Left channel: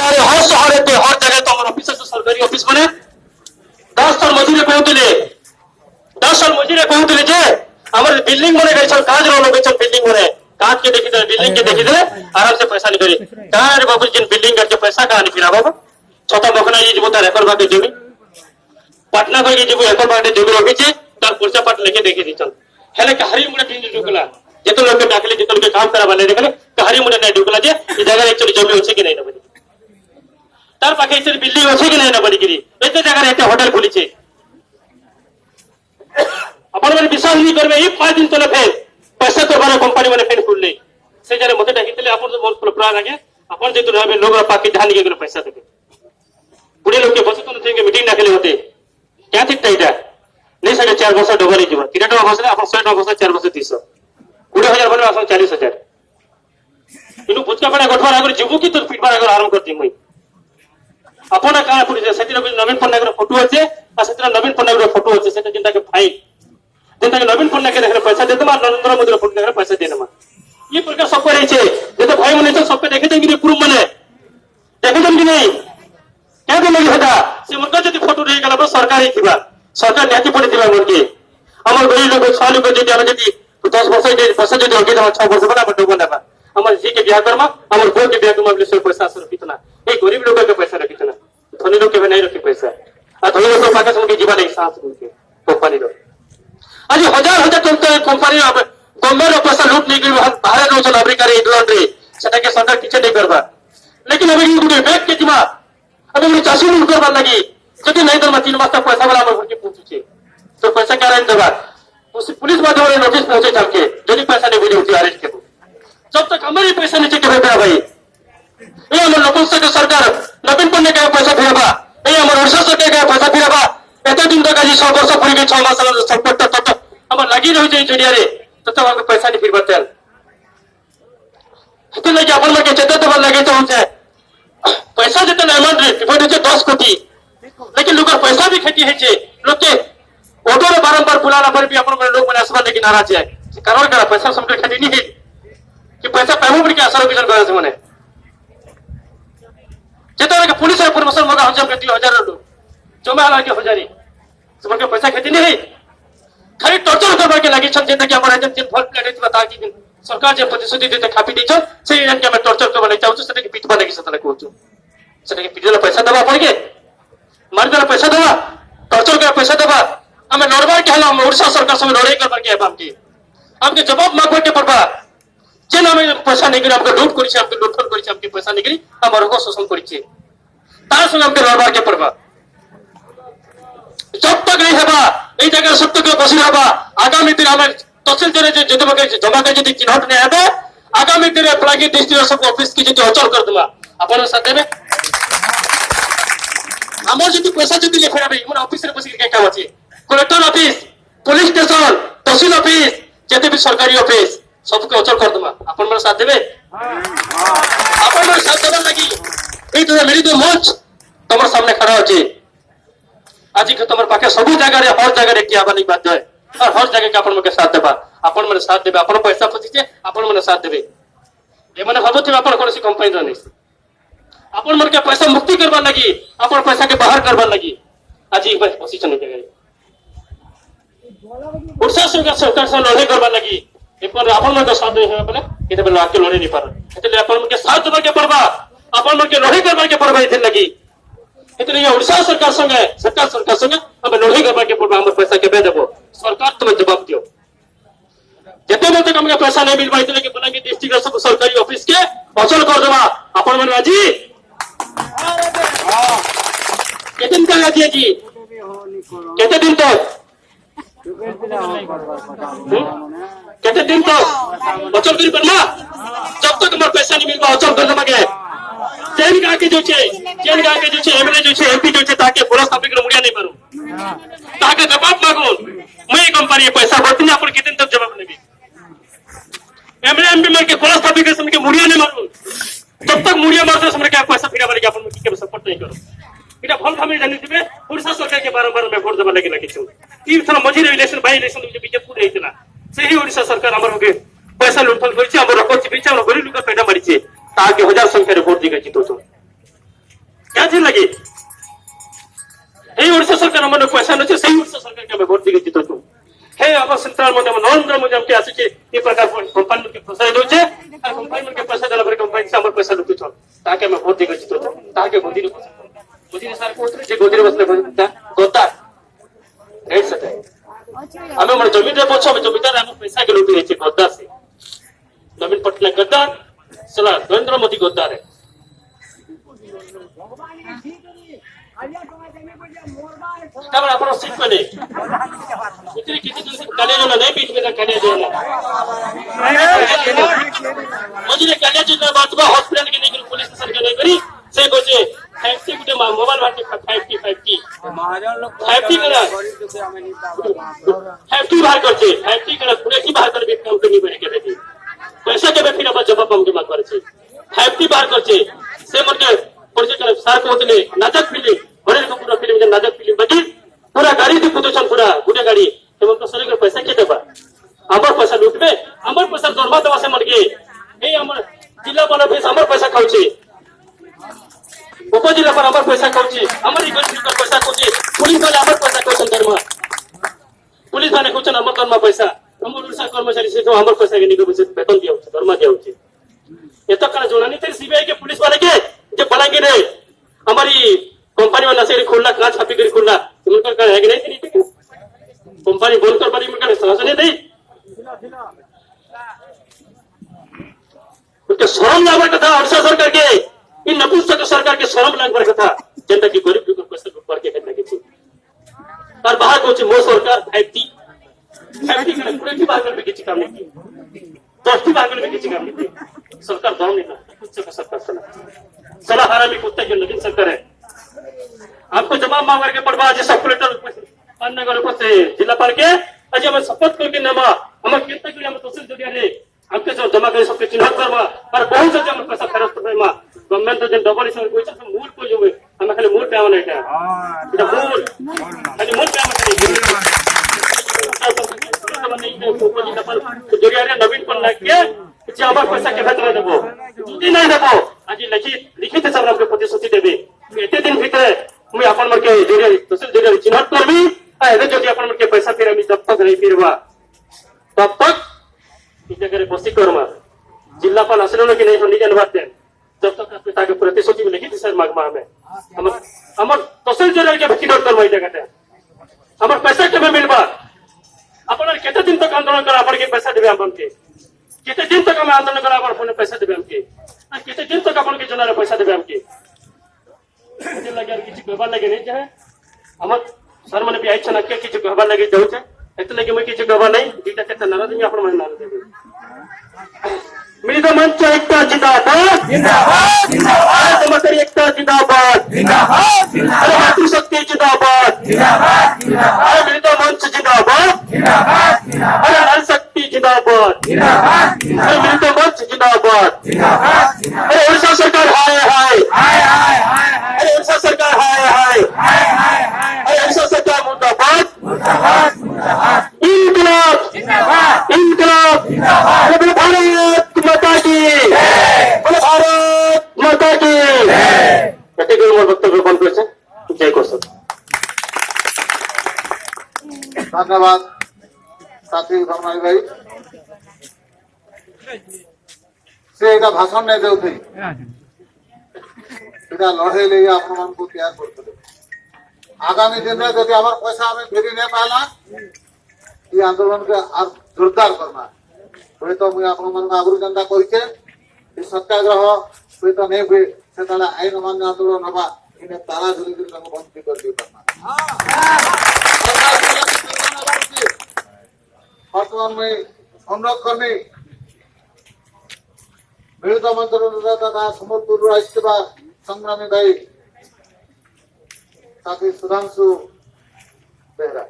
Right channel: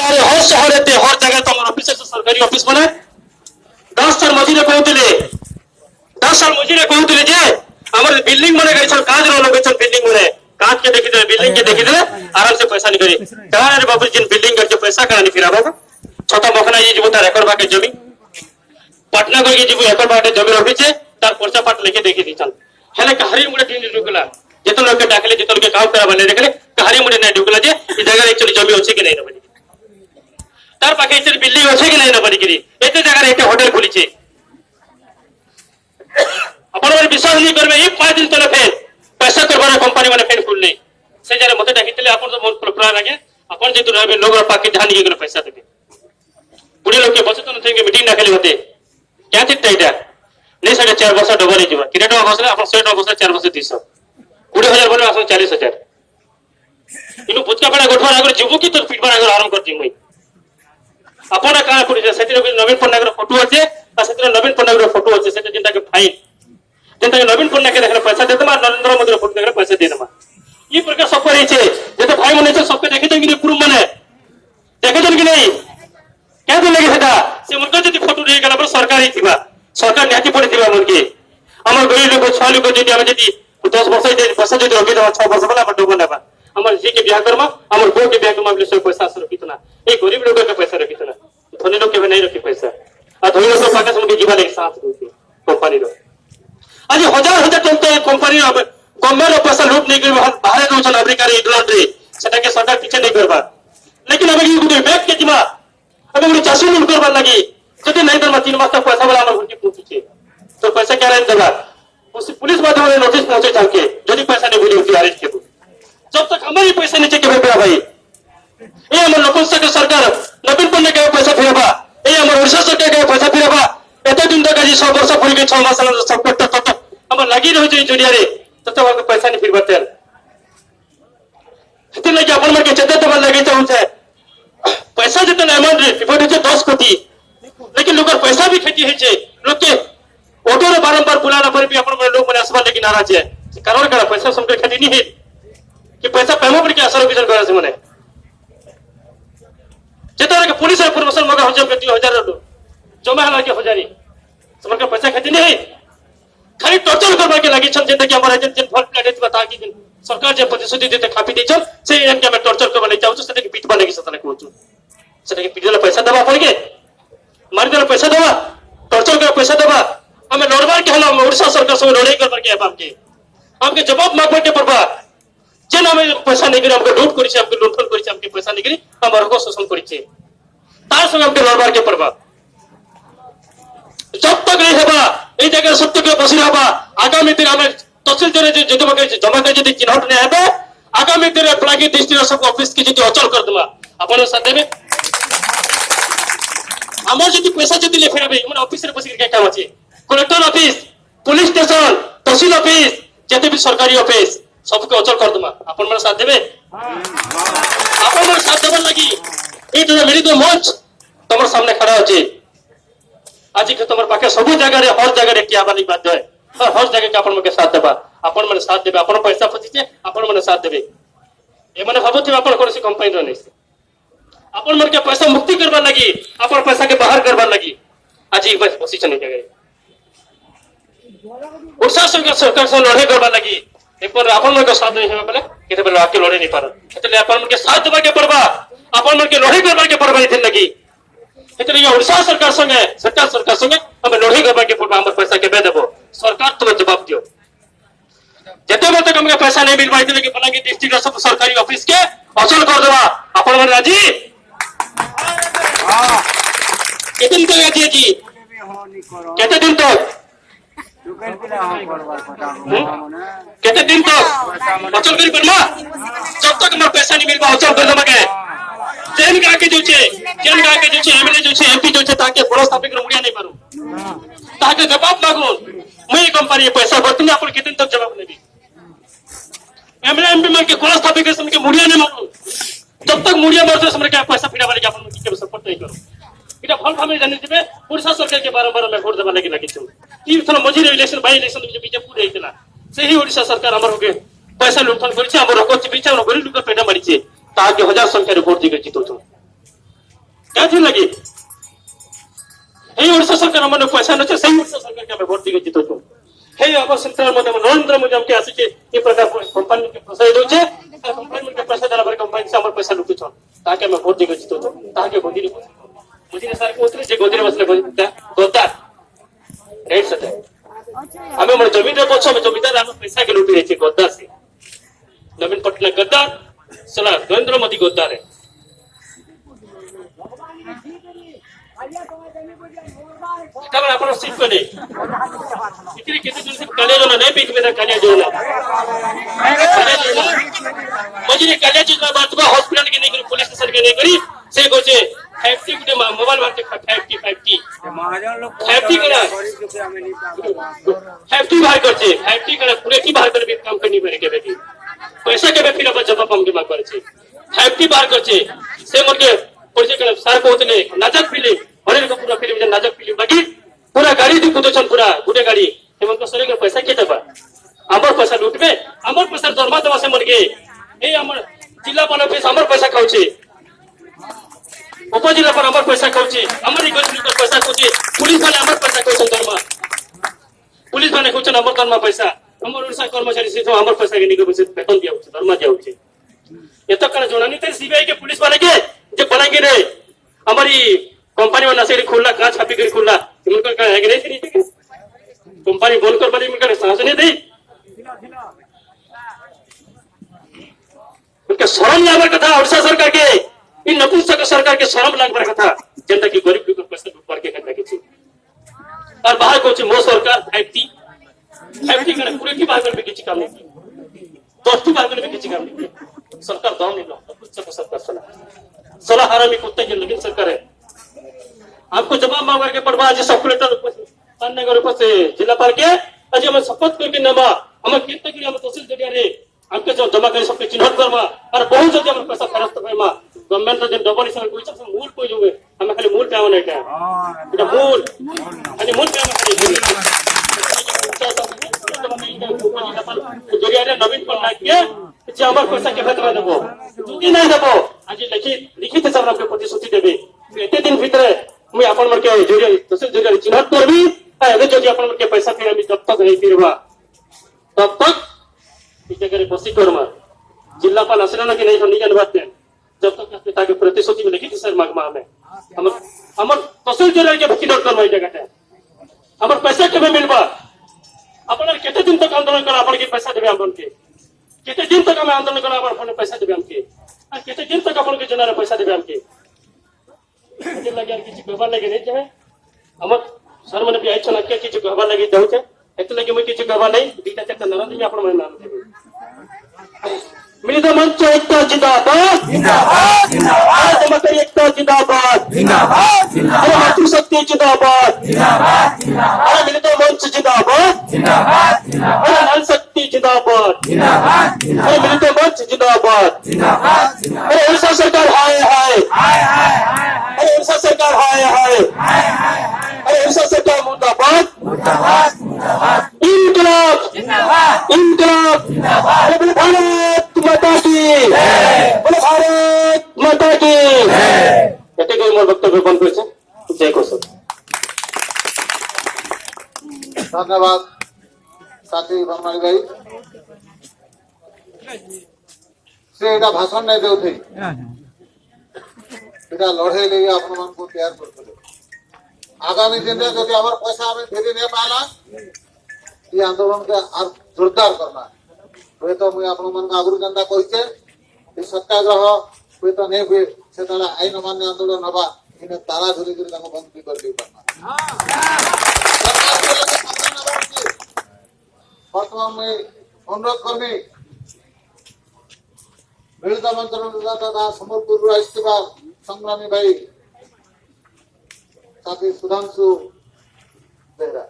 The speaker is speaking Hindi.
गाँव हर सहर हर जगह तुम ऑफिस सरकारी ऑफिस मैंने 10 साल मझे कहते 10 साल मझे कहते जे हमारे बिल्डिंग मैंने गई काज लोग बिल्डिंग मैंने काज के देखी बिल्डिंग के देखी आराम से पैसा निकली कहा बाबू जिन बिल्डिंग करके पैसा कहा नहीं फिरा बाबू छोटा मखना ये जीव तार एकड़ भागे जमी पटना गई जीव एकड़ भागे जमी रखी तार पर्चा पाट लेके देखी दी चल हेले कहारी मुझे टीम ढुकला जिते लोग डाकले जिते लोग काम करा नहीं देखले कहारी मुझे नहीं ढुकला जे ई जगह एक्चुअली जमी अच्छी कि नहीं ना बनी तार पाखे इतने बिल्डिंग अच्छी कि नहीं ना बनी गिरी एते जगह एक होटल खुली छे अपन मन विश्वास नहीं करबे ई 5 दिन तले फेर पैसा करबार कंपनी माने फेर खुल नहीं से जारे मते डाकितले अपन तो मोर प्लान लागे अपन जेतु रहबे लोग पाके ध्यान के पैसा देबे बुढ़ी लोग के बचत न थे के मीटिंग ना खेले होते क्या ठीक टाइटा नहीं साढ़े 4 वर्ष डबल जीव किरे टका बसले अपन 100 टका बसले 4 वर्ष 300 20,000 बने आसन 40,000 इनु बुचका पड़ा गोठवा आगर जीवो की तो फीडबार आगर आराम करती मई अपन का पुरी सेतिर नवीन पन्नागर फोटो আছে आ सेतिर नवीन पन्नागर फोटो আছে सेटा जिनटा के फाइन जिनटा के नवीन पन्ना के देखले पैसा देतमा नरेंद्र मोदी फोटो देखले पैसा देनमा ई प्रकार सब करे छे जे तो भाई मने सब पे देखे देन कि प्रूफ माने देखे देन कि नहीं क्या दिन लगे सेटा से मुर्गा जति फोटो रे गला सरकार ही थिबा सरकार न्याति पड़ी थिबा मुर्गी हमर गरीब लोग छाल लोग जति हम जति 10 वर्ष जे पैसा जति होके 6 वर्ष बना बडो बनबा हमर जी के ब्याह करमा हमर बो के ब्याह करमा ले पैसा सर कितना ए गरीब लोग के पैसा कितना धनी लोग के नहीं रखी पैसा आ धनी लोग पाके सब के जीवन एक साथ होके कंपनी रो आज हजार हजार टन कंपनी अब गवर्नमेंट पैसा लूट नहीं कर बाहर रो चल अमेरिका रे इंग्लैंड रे सेटा के सरकार किछ नहीं करबा लेकिन अब ये बैक के जिमा अब ये चासी मन करबा लगी जति नहीं दरमा 3 मास तक पैसा वाला हमर घुटी पूछे तो पैसा क्या नहीं देबा उस पुलिस माध्यम रे नोटिस पहुंचे जाके यदि पैसा नहीं बुझी होती अरेस्ट के जब तक हमारे पैसा नीचे के बेटा भाई ये हमर नपुंसक सरकार नवीन पन्ने के पैसा फिरबा ये हमर ओडिशा सरकार के पैसा फिरबा एते दिन तक आज 6 वर्ष पूरी के 6 मास संकट तक हमर लागी रही छै जड़िया रे तब हमर पैसा नहीं फिरबा तेल तो लगे अपन में के चेते तो लगे तो हमसे पैसा जते अमाउंट रे रिपोर्ट है 10 कोटी लेकिन लोग पैसा भी खेती है छे लोग के ऑटो रे बारंबार बुलाना पर भी अपन में लोग मने आसबा लेकिन नाराज है कारण का पैसा सबके खेती नहीं है कि पैसा पेमो पर के असर विजन करे से मने जेता के पुलिस इन्फॉर्मेशन मगा हो जब 2000 लोग जमा हला के हो जारी सबके पैसा खेती नहीं है खाली टॉर्चर करबा के लागि छन जेता के हमर एजेंट जिन फॉल्ट प्लेट है बता कि सरकार जे प्रतिशत देते खापी दै छन से एजेंट के हम टॉर्चर करबा नहीं चाहू सेटा के पीठ बने के सतला कहू सेटा के पीठ पैसा देबा पड़ के मार के पैसा देबा टॉर्चर के पैसा देबा हमें नॉर्मल के हला ओडिशा सरकार से लड़ाई करबा के हमके जवाब मांगबा के पड़बा जे नामे पैसा नहीं करी हमको लूट करी हमके लूटफल करी हमके पैसा नहीं करी हमर को शोषण करी तार संग हमके लड़बा के पड़बा जब तक नहीं हबा ए जगह सत्य के बसी हबा आगामी दिन हमें तहसील जरे जे जमा कर यदि चिन्हट नहीं हबा आगामी दिन फ्लागी डिस्ट्रिक्ट सब ऑफिस की यदि अचल कर दूंगा अपन साथ में हमर यदि पैसा यदि ले फेरबे मन ऑफिस रे बसी के काम अछि कलेक्टर ऑफिस पुलिस स्टेशन तहसील ऑफिस जते भी सरकारी ऑफिस सबके अचल कर दूंगा अपन मन साथ देबे अपन मन साथ देबे लगी ए तो मेरी तो मंच तमर सामने खड़ा अछि आज के तमर पाके सब जगह रे हर जगह रे किया बानी बात है और हर जगह के अपन मन के साथ देबा अपन मन साथ देबे अपन पैसा फसी छे अपन मन साथ देबे ए माने भाबोथि अपन कोनसी कंपनी रे नहीं अपन मन के पैसा मुक्ति करबा लगी अपन पैसा के बाहर करबा लगी आज एक बस पोजीशन नहीं गई उड़सा सरकार से लड़ाई करबा लगी एक बार अपन मन के साथ नहीं है पहले केते बेला आके लड़े नहीं पार एतले अपन मन के साथ देबा के पड़बा अपन मन के लड़ाई करबा के पड़बा इथे लगी इतने ये उड़सा सरकार संगे सरकार संगे हम लड़ाई करबा के पड़बा हम पैसा के बे देबो सरकार तुम जवाब दियो जते मत हमके पैसा नहीं मिल पाई इतने के बना के डिस्ट्रिक्ट सब सरकारी ऑफिस के अचल कर देबा अपन मन राजी हां कितने तक राजी जी कितने दिन तक कितने दिन तक अचल करी करना जब तक हमारे पैसा नहीं मिल पा अचल कर देबा के जेल का के जो छे एमएलए जो छे एमपी जो छे ताके पुलिस स्थापित कर मुड़िया नहीं पारू ताके जवाब मांगो मैं कंपनी पैसा भरती नहीं अपन कितने तक जवाब लेबी एमएलए एमपी मार के पुलिस स्थापित कर समके मुड़िया नहीं मारू जब तक मुड़िया मार दो समके पैसा फिरा वाली अपन के सपोर्ट नहीं करो इटा फल फमे जानि दिबे उड़ीसा सरकार के बारंबार में वोट देबा लागि छु ई थला मझी इलेक्शन बाय इलेक्शन जो बीजेपी देइतला सेही उड़ीसा सरकार हमर होगे पैसा लूटफल करिছে हमर रखछि बिचा हमर गरीब लोक पेटा मारिছে ताके हजार संख्या रे वोट दिगे जितो क्या दिन लगे এই ওড়িশা সরকার মানে পয়সা নছে সেই ওড়িশা সরকারকে আমি ভোট দিয়ে জিতো हे अब सेंट्रल मोदी नरेंद्र मोदी हमके आसे के ये प्रकार कंपनी के प्रसाद होचे आ कंपनी के प्रसाद दला पर कंपनी से हमर पैसा लुटु छ ताके मैं भोट देके जितो ताके मोदी ने सर को उतरे जे गोदी रे बसले गोदा रेट सटे हमें मन जमीन रे पछो में जमीनदार हम पैसा के लुटि छे गोदा से नवीन पटनायक गद्दार सला नरेंद्र मोदी गद्दार है तब आपण सीट पे नहीं इतनी किसी दिन से काले जो नहीं पीठ में था काले जो ना मुझे ने काले जो ना बात बा हॉस्पिटल के नहीं करी पुलिस स्टेशन के नहीं करी से गोचे 50 गुटे मोबाइल बाटे 50 महाजन लोग 50 करा 50 बाहर करछे 50 करा पूरे की बाहर कर भी काम करनी पड़े के देखी पैसा के फिर अपन जवाब हम के मांग करछे 50 बाहर करछे से मुके पुलिस के सर को उतने नाजक फीलिंग बड़े को पूरा फिल्म में नाजक फिल्म लगी पूरा गाड़ी दी कुदेछन पूरा गुटे गाड़ी एवं तो सरे के पैसा के देबा हमर पैसा लूटबे हमर पैसा दरमा दवा से मर गए ए हमर जिला वाला फेस हमर पैसा खाउछे उप जिला पर हमर पैसा खाउछे हमर ई गरीब के पैसा खाउछे पुलिस वाला हमर पैसा खाउछन दरमा पुलिस वाला खाउछन हमर दरमा पैसा हमर उड़ीसा कर्मचारी से हमर पैसा के निको वेतन दिया होछे दरमा दिया होछे एतो कने जोनानी ते सीबीआई के पुलिस वाले के जे बनाएंगे रे हमारी कंपनी वाला से खुलना कांच कापी कर खुलना उनका क्या है कि नहीं ठीक है कंपनी बोल कर बड़ी उनका साहस नहीं दी उनके शर्म लागवर कथा ओडिशा सरकार के इन नपुंसक सरकार के शर्म लागवर कथा जनता की गरीब लोग पैसा लूट करके करता के और बाहर को मो सरकार 50 करे पूरे की बाहर में किसी काम नहीं की 10 की बाहर में किसी काम नहीं की सरकार दाम नहीं नपुंसक सरकार सलाह हरामी कुत्ते की नवीन सरकार है आपको जवाब मांग करके पड़वा आज सब कलेक्टर नगर से जिला पाल के आज हम शपथ करके नेमा हम कितना के हम तहसील जरिया रे हमके जो जमा करे सबके चिन्हित करवा और बहुत जल्दी हम पैसा फेरस्त करवा गवर्नमेंट जो डबल इस कोई सब मूल कोई जो हम खाली मूल पे आवन है এটা मूल खाली मूल पे हम जरिया रे नवीन पन्ना के যে আমার पैसा के भेतरा देबो যদি নাই দেবো आज लिखित सब हमके प्रतिश्रुति देबे एते दिन भीतर मैं अपन मन के जरिया तहसील जरिया चिन्हित करबी एबे जदि अपन मन के पैसा फिर हम जब तक नहीं फिरवा तब तक इस जगह बसी करमा जिला पाल असलन कि नहीं हो निजन बात जब तक आपने ताके प्रतिश्रुति में लिखित सर मागमा हमें हमर तहसील जरिया के चिन्हित करवा ई जगह हमर पैसा के मिलबा अपन केते दिन तक आंदोलन करा अपन के पैसा देबे अपन के केते दिन तक हम आंदोलन करा अपन पैसा देबे हमके केते दिन तक अपन के जना पैसा देबे हमके मुझे लगे किसी गहबा लगे नहीं चाहे हमर सर मन भी आई छना के किसी गहबा लगे जाउ छे एत लगे मैं किसी गहबा नहीं दीटा केते नारा नहीं अपन मन नारा देबे मिलित मंच एकता जिंदाबाद जिंदाबाद जिंदाबाद समकर एकता जिंदाबाद जिंदाबाद जिंदाबाद मातृशक्ति जिंदाबाद जिंदाबाद जिंदाबाद मिलित मंच जिंदाबाद जिंदाबाद जिंदाबाद नारी शक्ति जिंदाबाद जिंदाबाद जिंदाबाद मिलित मंच जिंदाबाद जिंदाबाद जिंदाबाद ओडिशा सरकार हाय हाय हाय हाय हाय ओडिशा सरकार हाय हाय हाय हाय ओडिशा सरकार मुर्दाबाद मुर्दाबाद मुर्दाबाद इनकलाब जिंदाबाद इनकलाब जिंदाबाद बोलो भारत माता की बोलो भारत माता की कते कोई मोर वक्तव्य बंद करेছে जय कोसर धन्यवाद साथी भरमारी भाई से एटा भाषण नहीं देउथि एटा लड़े ले आपण मन को तैयार करते आगामी दिन में यदि हमार पैसा हमें फेरी नहीं पाला ये आंदोलन के और जोरदार करना हुए तो मुझे आपण मन आगुरी जनता कहिचे कि सत्याग्रह हुए तो नहीं हुए से ताला आईन अमान्य आंदोलन हबा इने तारा धीरे धीरे ताको बंद कर दियो करना वर्तमान में संरक्षण मिलित मंत्र तथा सम्बलपुर आसवा संग्रामी भाई साथी सुधांशु बेहरा